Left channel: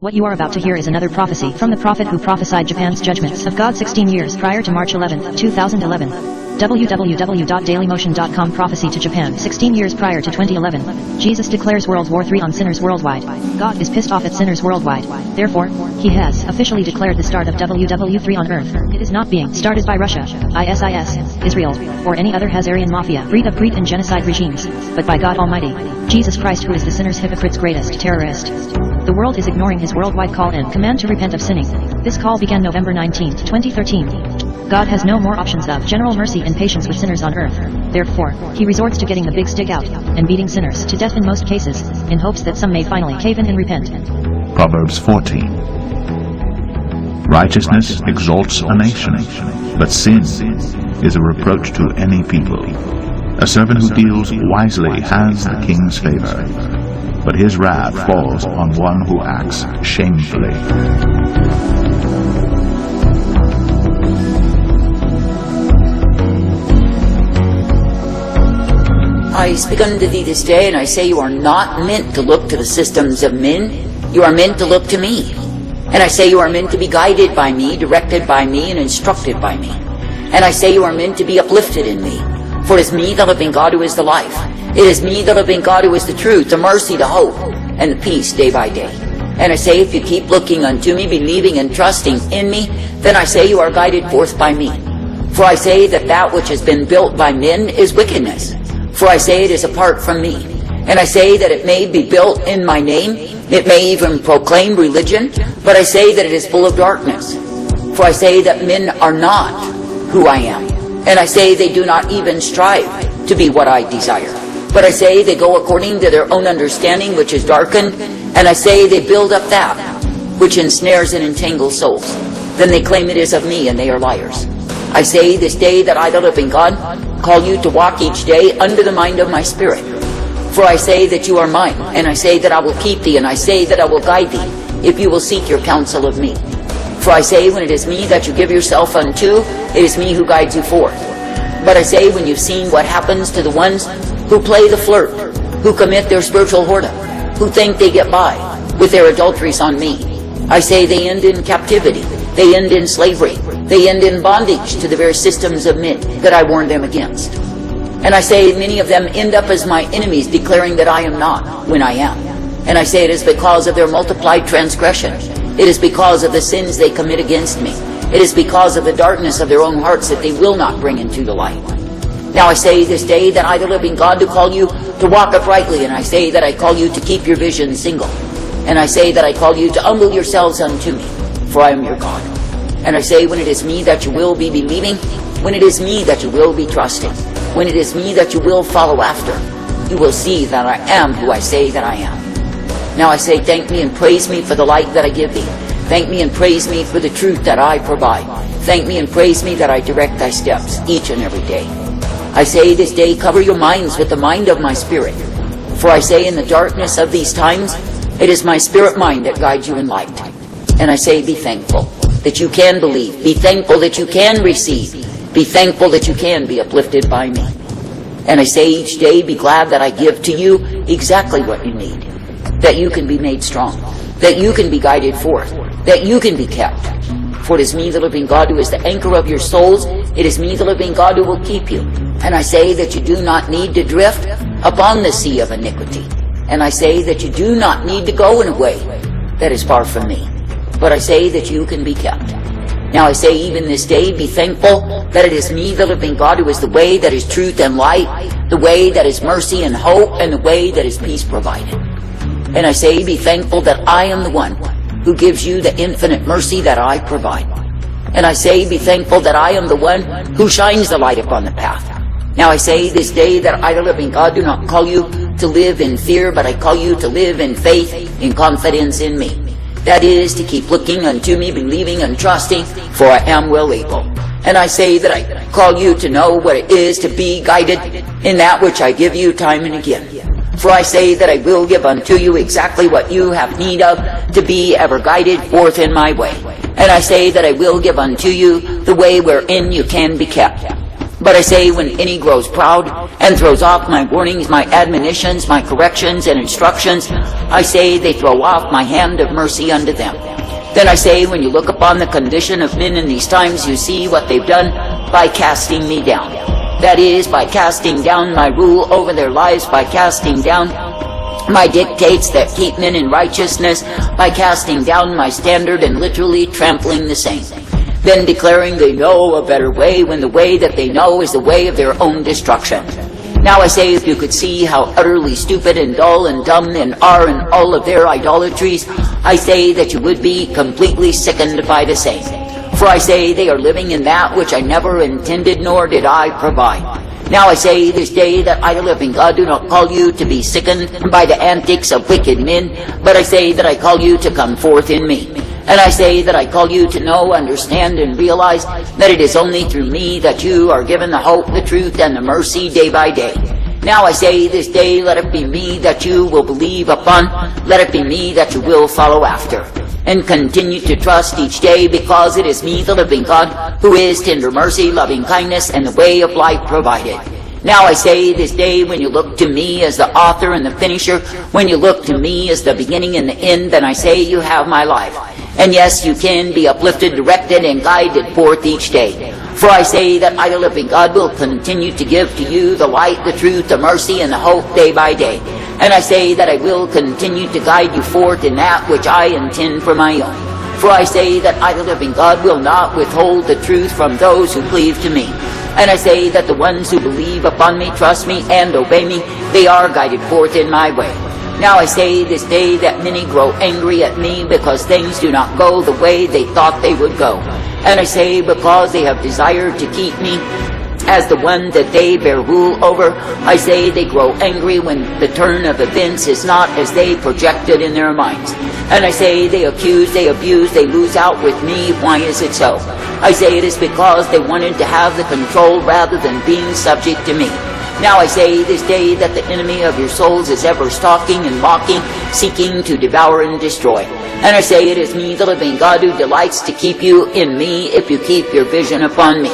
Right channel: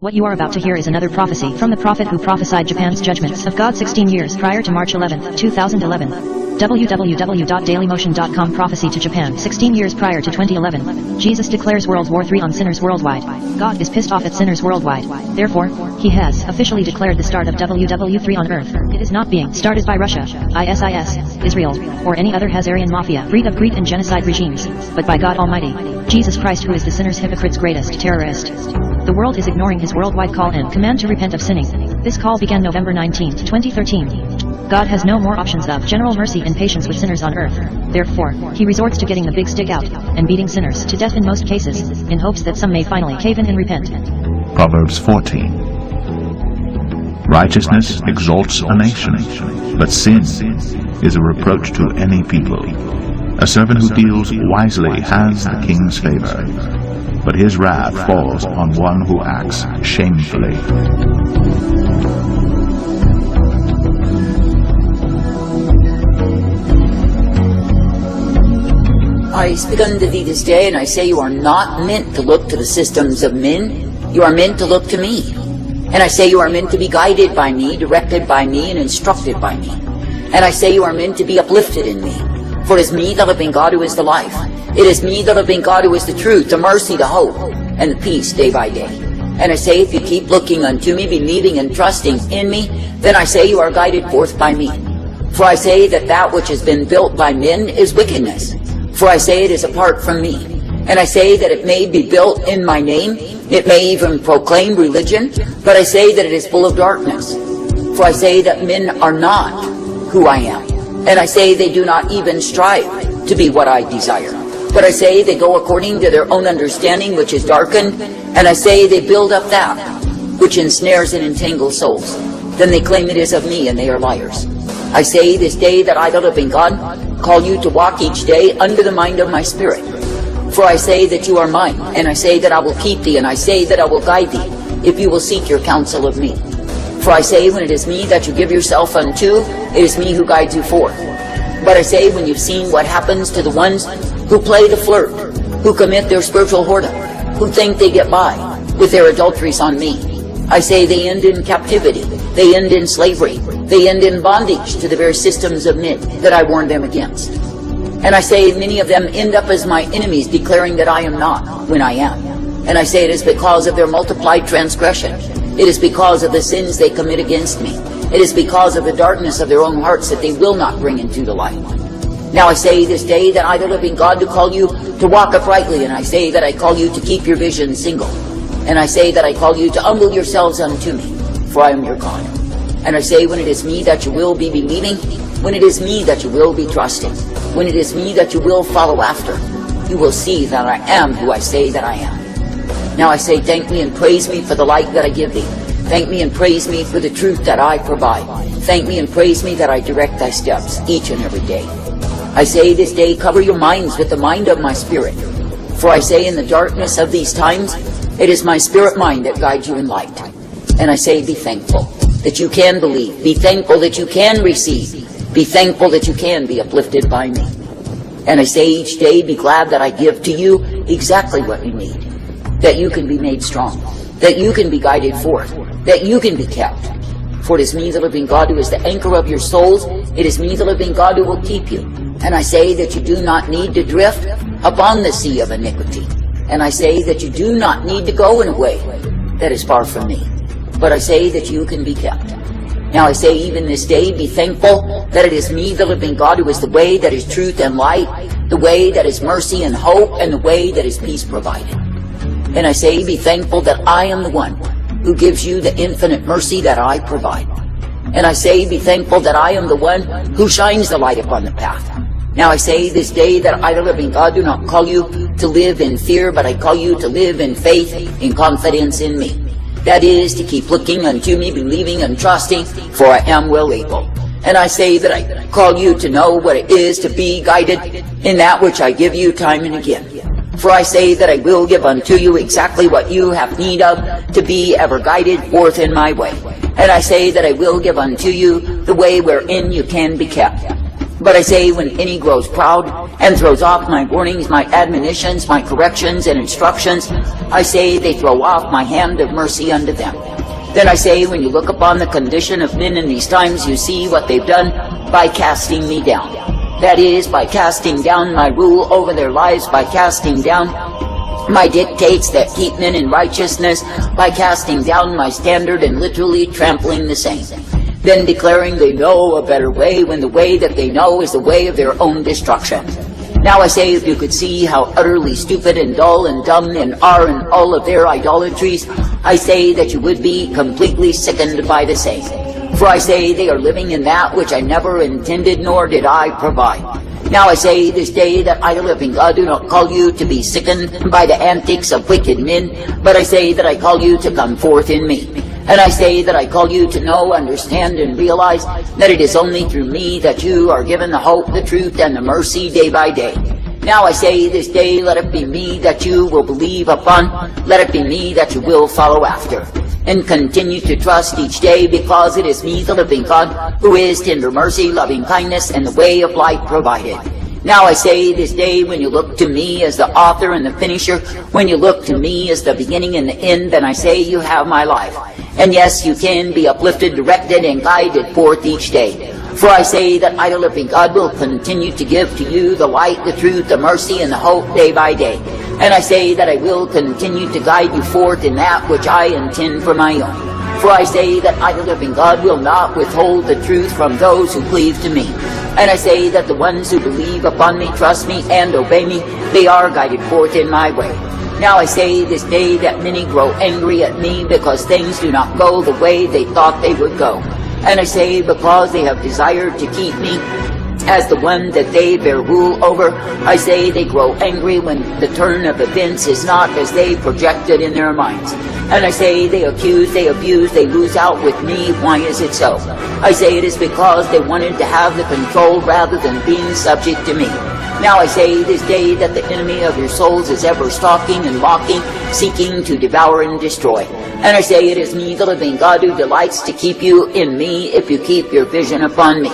What you are about to hear is another prophecy from the prophet who prophesied Japan's judgments of God 16 years prior to March 11, 2011. www.dailymotion.com Prophecy to Japan 16 years prior to 2011. Jesus declares World War III on sinners worldwide. God is pissed off at sinners worldwide. Therefore, he has officially declared the start of WW3 on Earth. It is not being started by Russia, ISIS, Israel, or any other Khazarian Mafia, breed of greed and genocide regimes, but by God Almighty, Jesus Christ, who is the sinner's hypocrite's greatest terrorist. The world is ignoring his worldwide call and command to repent of sinning. This call began November 19, 2013. God has no more options of general mercy and patience with sinners on earth. Therefore, he resorts to getting the big stick out and beating sinners to death in most cases, in hopes that some may finally cave in and repent. Proverbs 14. Righteousness exalts a nation, but sin is a reproach to any people. A servant who deals wisely has the king's favor, but his wrath falls on one who acts shamefully. I speak unto thee this day, and I say you are not meant to look to the systems of men. You are meant to look to me. And I say you are meant to be guided by me, directed by me, and instructed by me. And I say you are meant to be uplifted in me. For it is me, the living God, who is the life. It is me, the living God, who is the truth, the mercy, the hope, and the peace day by day. And I say if you keep looking unto me, believing and trusting in me, then I say you are guided forth by me. For I say that that which has been built by men is wickedness. For I say it is apart from me. And I say that it may be built in my name. It may even proclaim religion. But I say that it is full of darkness. For I say that men are not who I am. And I say they do not even strive to be what I desire. But I say they go according to their own understanding, which is darkened. And I say they build up that which ensnares and entangles souls. Then they claim it is of me, and they are liars. I say this day that I, the living God, call you to walk each day under the mind of my spirit. For I say that you are mine, and I say that I will keep thee, and I say that I will guide thee, if you will seek your counsel of me. For I say when it is me that you give yourself unto, it is me who guides you forth. But I say when you've seen what happens to the ones who play the flirt, who commit their spiritual whoredom, who think they get by with their adulteries on me, I say they end in captivity, they end in slavery, they end in bondage to the very systems of men that I warned them against. And I say many of them end up as my enemies, declaring that I am not when I am. And I say it is because of their multiplied transgression. It is because of the sins they commit against me. It is because of the darkness of their own hearts that they will not bring into the light. Now I say this day that I, the living God, to call you to walk uprightly, and I say that I call you to keep your vision single. And I say that I call you to humble yourselves unto me, for I am your God. And I say when it is me that you will be believing, when it is me that you will be trusting, when it is me that you will follow after, you will see that I am who I say that I am. Now I say thank me and praise me for the light that I give thee. Thank me and praise me for the truth that I provide. Thank me and praise me that I direct thy steps each and every day. I say this day cover your minds with the mind of my spirit. For I say in the darkness of these times, it is my spirit mind that guides you in light. And I say be thankful that you can believe. Be thankful that you can receive. Be thankful that you can be uplifted by me. And I say each day be glad that I give to you exactly what you need. That you can be made strong. That you can be guided forth. That you can be kept. For it is me, the living God, who is the anchor of your souls. It is me, the living God, who will keep you. And I say that you do not need to drift upon the sea of iniquity. And I say that you do not need to go in a way that is far from me. But I say that you can be kept. Now I say even this day be thankful that it is me, the living God, who is the way that is truth and light, the way that is mercy and hope, and the way that is peace provided. And I say be thankful that I am the one who gives you the infinite mercy that I provide. And I say be thankful that I am the one who shines the light upon the path. Now I say this day that I, the living God, do not call you to live in fear, but I call you to live in faith, in confidence in me. That is, to keep looking unto me, believing and trusting, for I am well able. And I say that I call you to know what it is to be guided in that which I give you time and again. For I say that I will give unto you exactly what you have need of to be ever guided forth in my way. And I say that I will give unto you the way wherein you can be kept. But I say, when any grows proud and throws off my warnings, my admonitions, my corrections and instructions, I say they throw off my hand of mercy unto them. Then I say, when you look upon the condition of men in these times, you see what they've done by casting me down. That is, by casting down my rule over their lives, by casting down my dictates that keep men in righteousness, by casting down my standard and literally trampling the same. Then declaring they know a better way, when the way that they know is the way of their own destruction. Now I say, if you could see how utterly stupid and dull and dumb men are in all of their idolatries, I say that you would be completely sickened by the same. For I say they are living in that which I never intended, nor did I provide. Now I say this day that I, the living God, do not call you to be sickened by the antics of wicked men, but I say that I call you to come forth in me. And I say that I call you to know, understand, and realize that it is only through me that you are given the hope, the truth, and the mercy day by day. Now I say this day, let it be me that you will believe upon, let it be me that you will follow after, and continue to trust each day, because it is me, the living God, who is tender mercy, loving kindness, and the way of life provided. Now I say this day, when you look to me as the author and the finisher, when you look to me as the beginning and the end, then I say you have my life. And yes, you can be uplifted, directed, and guided forth each day. For I say that I, the living God, will continue to give to you the light, the truth, the mercy, and the hope day by day. And I say that I will continue to guide you forth in that which I intend for my own. For I say that I, the living God, will not withhold the truth from those who cleave to me. And I say that the ones who believe upon me, trust me, and obey me, they are guided forth in my way. Now I say this day that many grow angry at me because things do not go the way they thought they would go. And I say, because they have desired to keep me as the one that they bear rule over, I say they grow angry when the turn of events is not as they projected in their minds. And I say they accuse, they abuse, they lose out with me. Why is it so? I say it is because they wanted to have the control rather than being subject to me. Now I say this day that the enemy of your souls is ever stalking and mocking, seeking to devour and destroy. And I say it is me, the living God, who delights to keep you in me if you keep your vision upon me.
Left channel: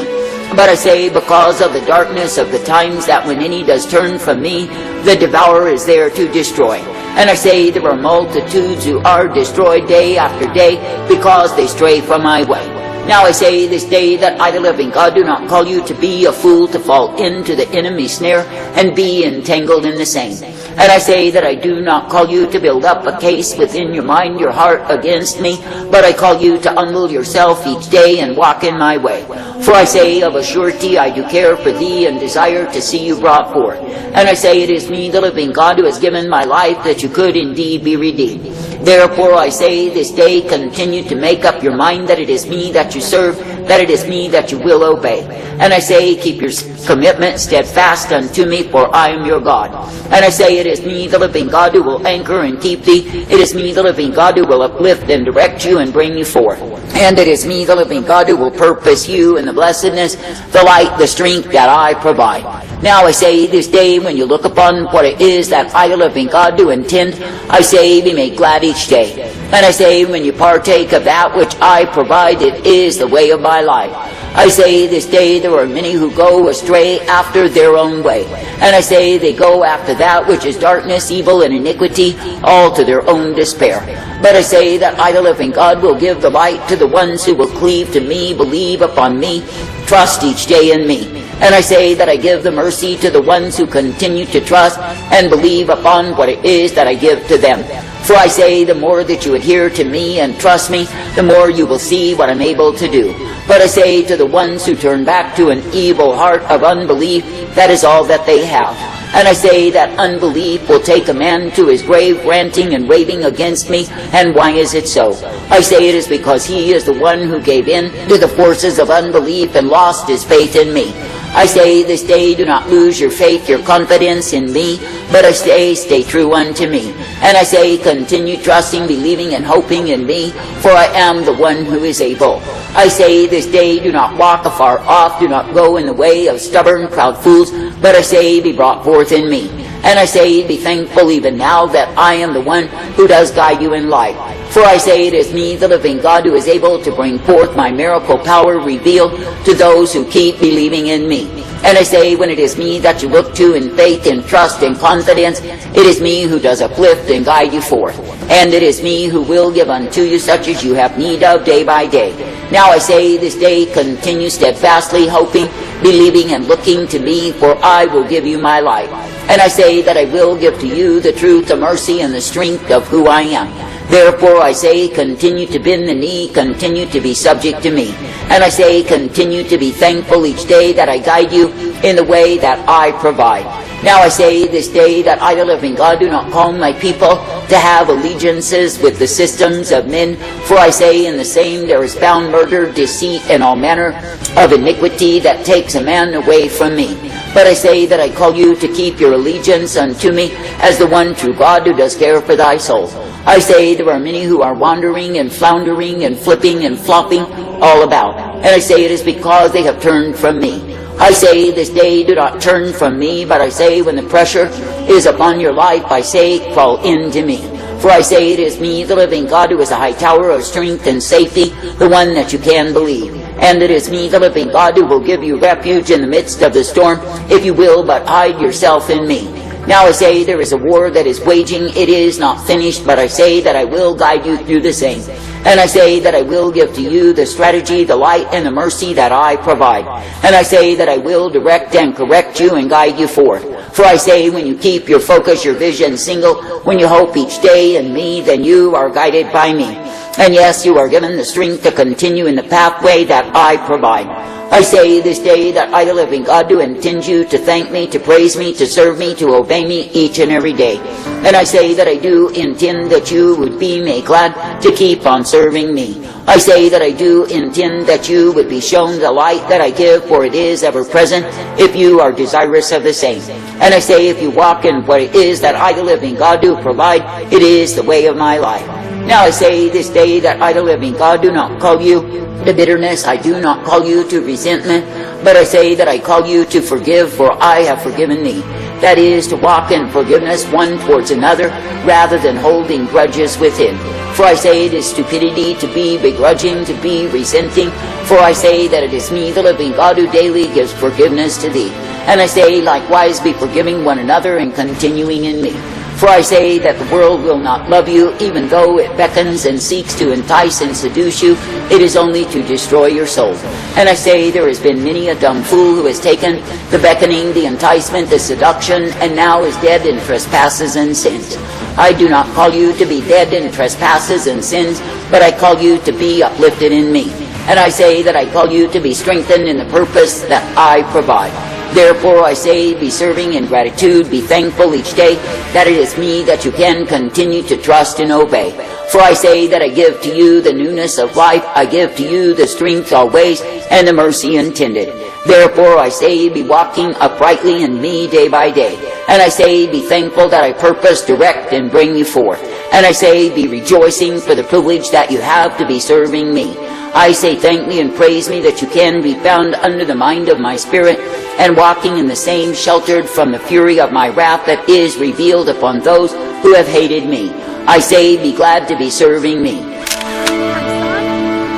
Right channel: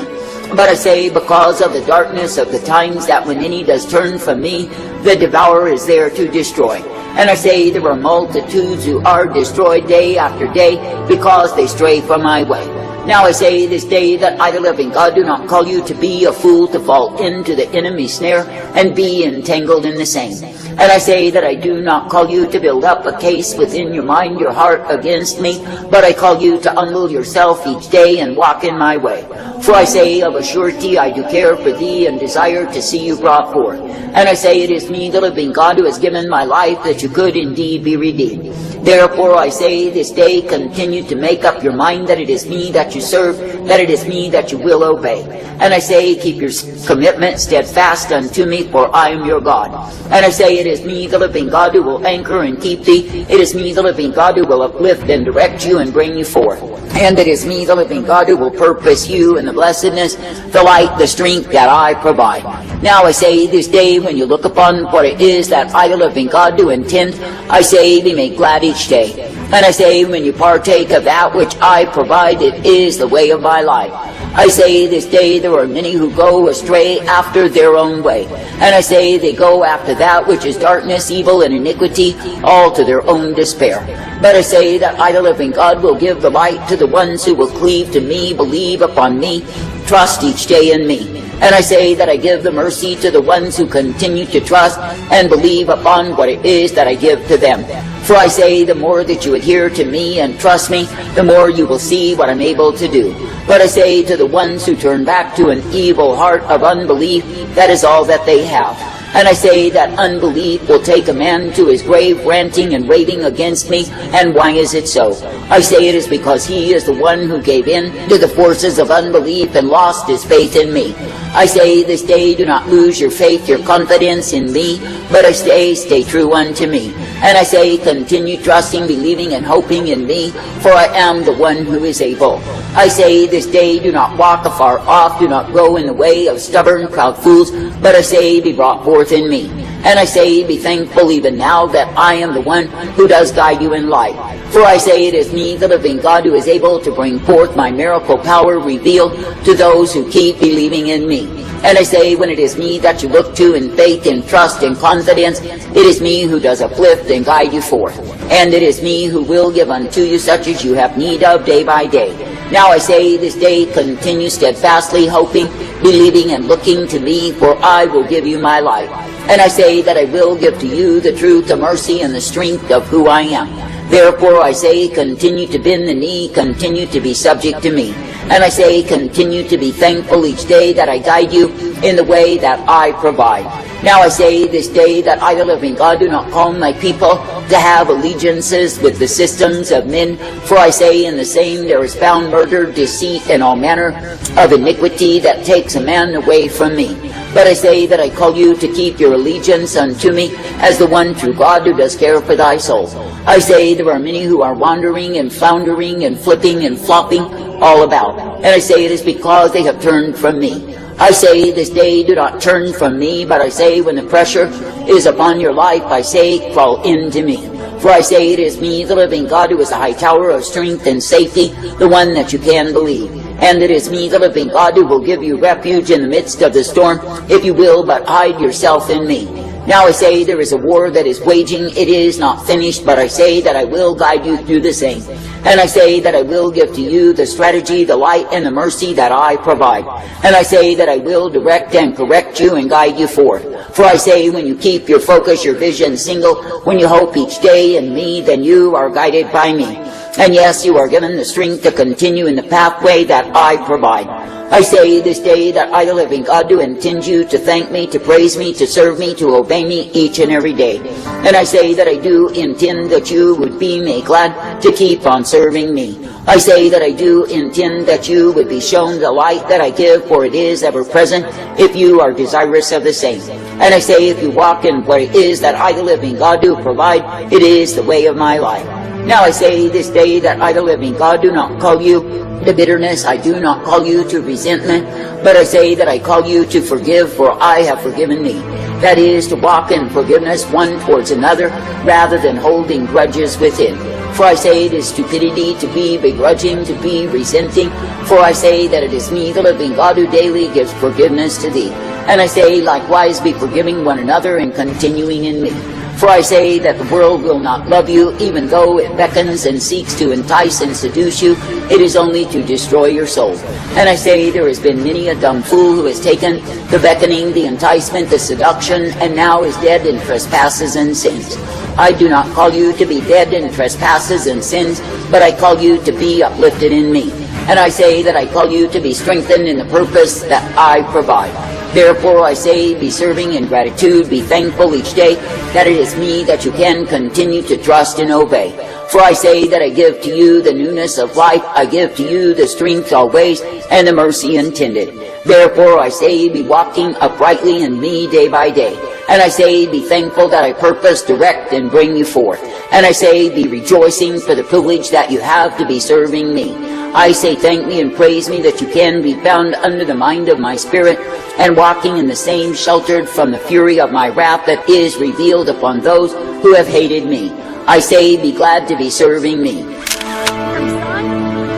But I say, because of the darkness of the times, that when any does turn from me, the devourer is there to destroy. And I say there are multitudes who are destroyed day after day because they stray from my way. Now I say this day that I, the living God, do not call you to be a fool, to fall into the enemy's snare and be entangled in the same. And I say that I do not call you to build up a case within your mind, your heart against me, but I call you to humble yourself each day and walk in my way. For I say, of a surety I do care for thee and desire to see you brought forth. And I say it is me, the living God, who has given my life, that you could indeed be redeemed. Therefore I say this day, continue to make up your mind that it is me that you serve, that it is me that you will obey. And I say, keep your commitment steadfast unto me, for I am your God. And I say, it is me, the living God, who will anchor and keep thee. It is me, the living God, who will uplift and direct you and bring you forth. And it is me, the living God, who will purpose you in the blessedness, the light, the strength that I provide. Now I say this day, when you look upon what it is that I, the living God, do intend, I say, be made glad each day. And I say, when you partake of that which I provide, it is the way of my life. I say this day there are many who go astray after their own way. And I say they go after that which is darkness, evil, and iniquity, all to their own despair. But I say that I, the living God, will give the light to the ones who will cleave to me, believe upon me, trust each day in me. And I say that I give the mercy to the ones who continue to trust and believe upon what it is that I give to them. For I say, the more that you adhere to me and trust me, the more you will see what I'm able to do. But I say to the ones who turn back to an evil heart of unbelief, that is all that they have. And I say that unbelief will take a man to his grave, ranting and raving against me. And why is it so? I say it is because he is the one who gave in to the forces of unbelief and lost his faith in me. I say this day, do not lose your faith, your confidence in me, but I say, stay true unto me. And I say, continue trusting, believing, and hoping in me, for I am the one who is able. I say this day, do not walk afar off, do not go in the way of stubborn, proud fools, but I say, be brought forth in me. And I say, be thankful even now that I am the one who does guide you in life. For I say it is me, the living God, who is able to bring forth my miracle power revealed to those who keep believing in me. And I say, when it is me that you look to in faith and trust and confidence, it is me who does uplift and guide you forth. And it is me who will give unto you such as you have need of day by day. Now I say, this day continue steadfastly hoping, believing and looking to me, for I will give you my life. And I say that I will give to you the truth, the mercy, and the strength of who I am. Therefore I say, continue to bend the knee, continue to be subject to me. And I say, continue to be thankful each day that I guide you in the way that I provide. Now I say this day that I, the living God, do not call my people to have allegiances with the systems of men. For I say, in the same there is found murder, deceit, and all manner of iniquity that takes a man away from me. But I say that I call you to keep your allegiance unto me as the one true God who does care for thy soul. I say there are many who are wandering and floundering and flipping and flopping all about. And I say it is because they have turned from me. I say this day do not turn from me, but I say when the pressure is upon your life, I say fall into me. For I say it is me, the living God, who is a high tower of strength and safety, the one that you can believe. And it is me, the living God, who will give you refuge in the midst of the storm, if you will but hide yourself in me. Now I say there is a war that is waging, it is not finished, but I say that I will guide you through the same. And I say that I will give to you the strategy, the light, and the mercy that I provide. And I say that I will direct and correct you and guide you forth. For I say when you keep your focus, your vision single, when you hope each day in me, then you are guided by me. And yes, you are given the strength to continue in the pathway that I provide. I say this day that I, the living God, do intend you to thank me, to praise me, to serve me, to obey me each and every day. And I say that I do intend that you would be made glad to keep on serving me. I say that I do intend that you would be shown the light that I give, for it is ever present if you are desirous of the same. And I say if you walk in what it is that I, the living God, do provide, it is the way of my life. Now I say this day that I, the living God, do not call you to bitterness, I do not call you to resentment, but I say that I call you to forgive, for I have forgiven thee. That is, to walk in forgiveness one towards another, rather than holding grudges with it. For I say it is stupidity to be begrudging, to be resenting. For I say that it is me, the living God, who daily gives forgiveness to thee. And I say likewise, be forgiving one another and continuing in me. For I say that the world will not love you, even though it beckons and seeks to entice and seduce you. It is only to destroy your soul. And I say there has been many a dumb fool who has taken the beckoning, the enticement, the seduction, and now is dead in trespasses and sins. I do not call you to be dead in trespasses and sins, but I call you to be uplifted in me. And I say that I call you to be strengthened in the purpose that I provide. Therefore I say, be serving in gratitude, be thankful each day that it is me that you can continue to trust and obey. For I say that I give to you the newness of life, I give to you the strength always, and the mercy intended. Therefore I say, be walking uprightly in me day by day. And I say, be thankful that I purpose, direct, and bring you forth. And I say, be rejoicing for the privilege that you have to be serving me. I say, thank me and praise me that you can be found under the mind of my spirit, and walking in the same, sheltered from the fury of my wrath that is revealed upon those who have hated me. I say, be glad to be serving me. From sun,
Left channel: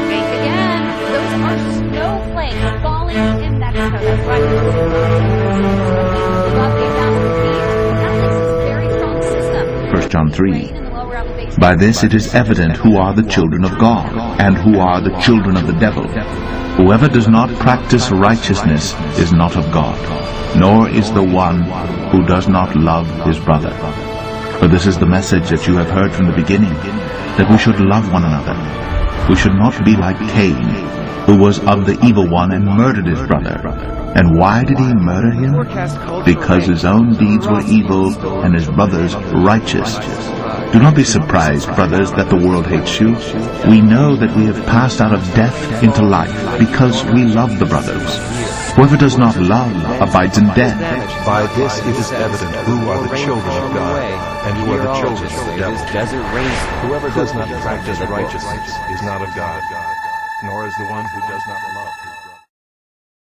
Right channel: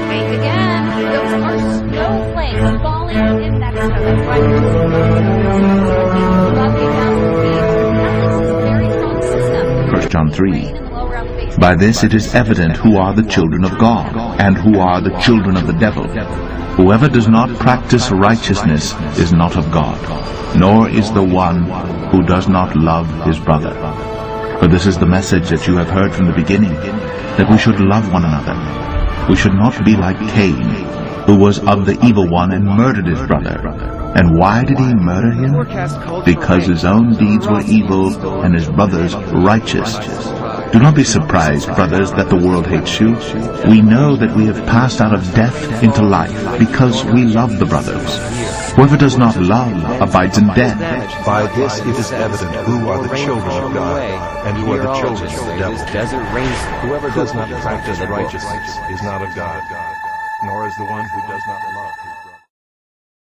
bank again. Those are snowflakes falling in Mexico. That's right. Above the mountain peak. That's a very strong system. 1 John 3. By this it is evident who are the children of God, and who are the children of the devil. Whoever does not practice righteousness is not of God, nor is the one who does not love his brother. For this is the message that you have heard from the beginning, that we should love one another. We should not be like Cain, who was of the evil one and murdered his brother. And why did he murder him? Because his own deeds were evil and his brother's righteous. Do not be surprised, brothers, that the world hates you. We know that we have passed out of death into life, because we love the brothers. Whoever does not love abides in death. By this it is evident who are the children of God, and who are the children of the devil. Whoever does not practice righteousness is not of God, nor is the one who does not love.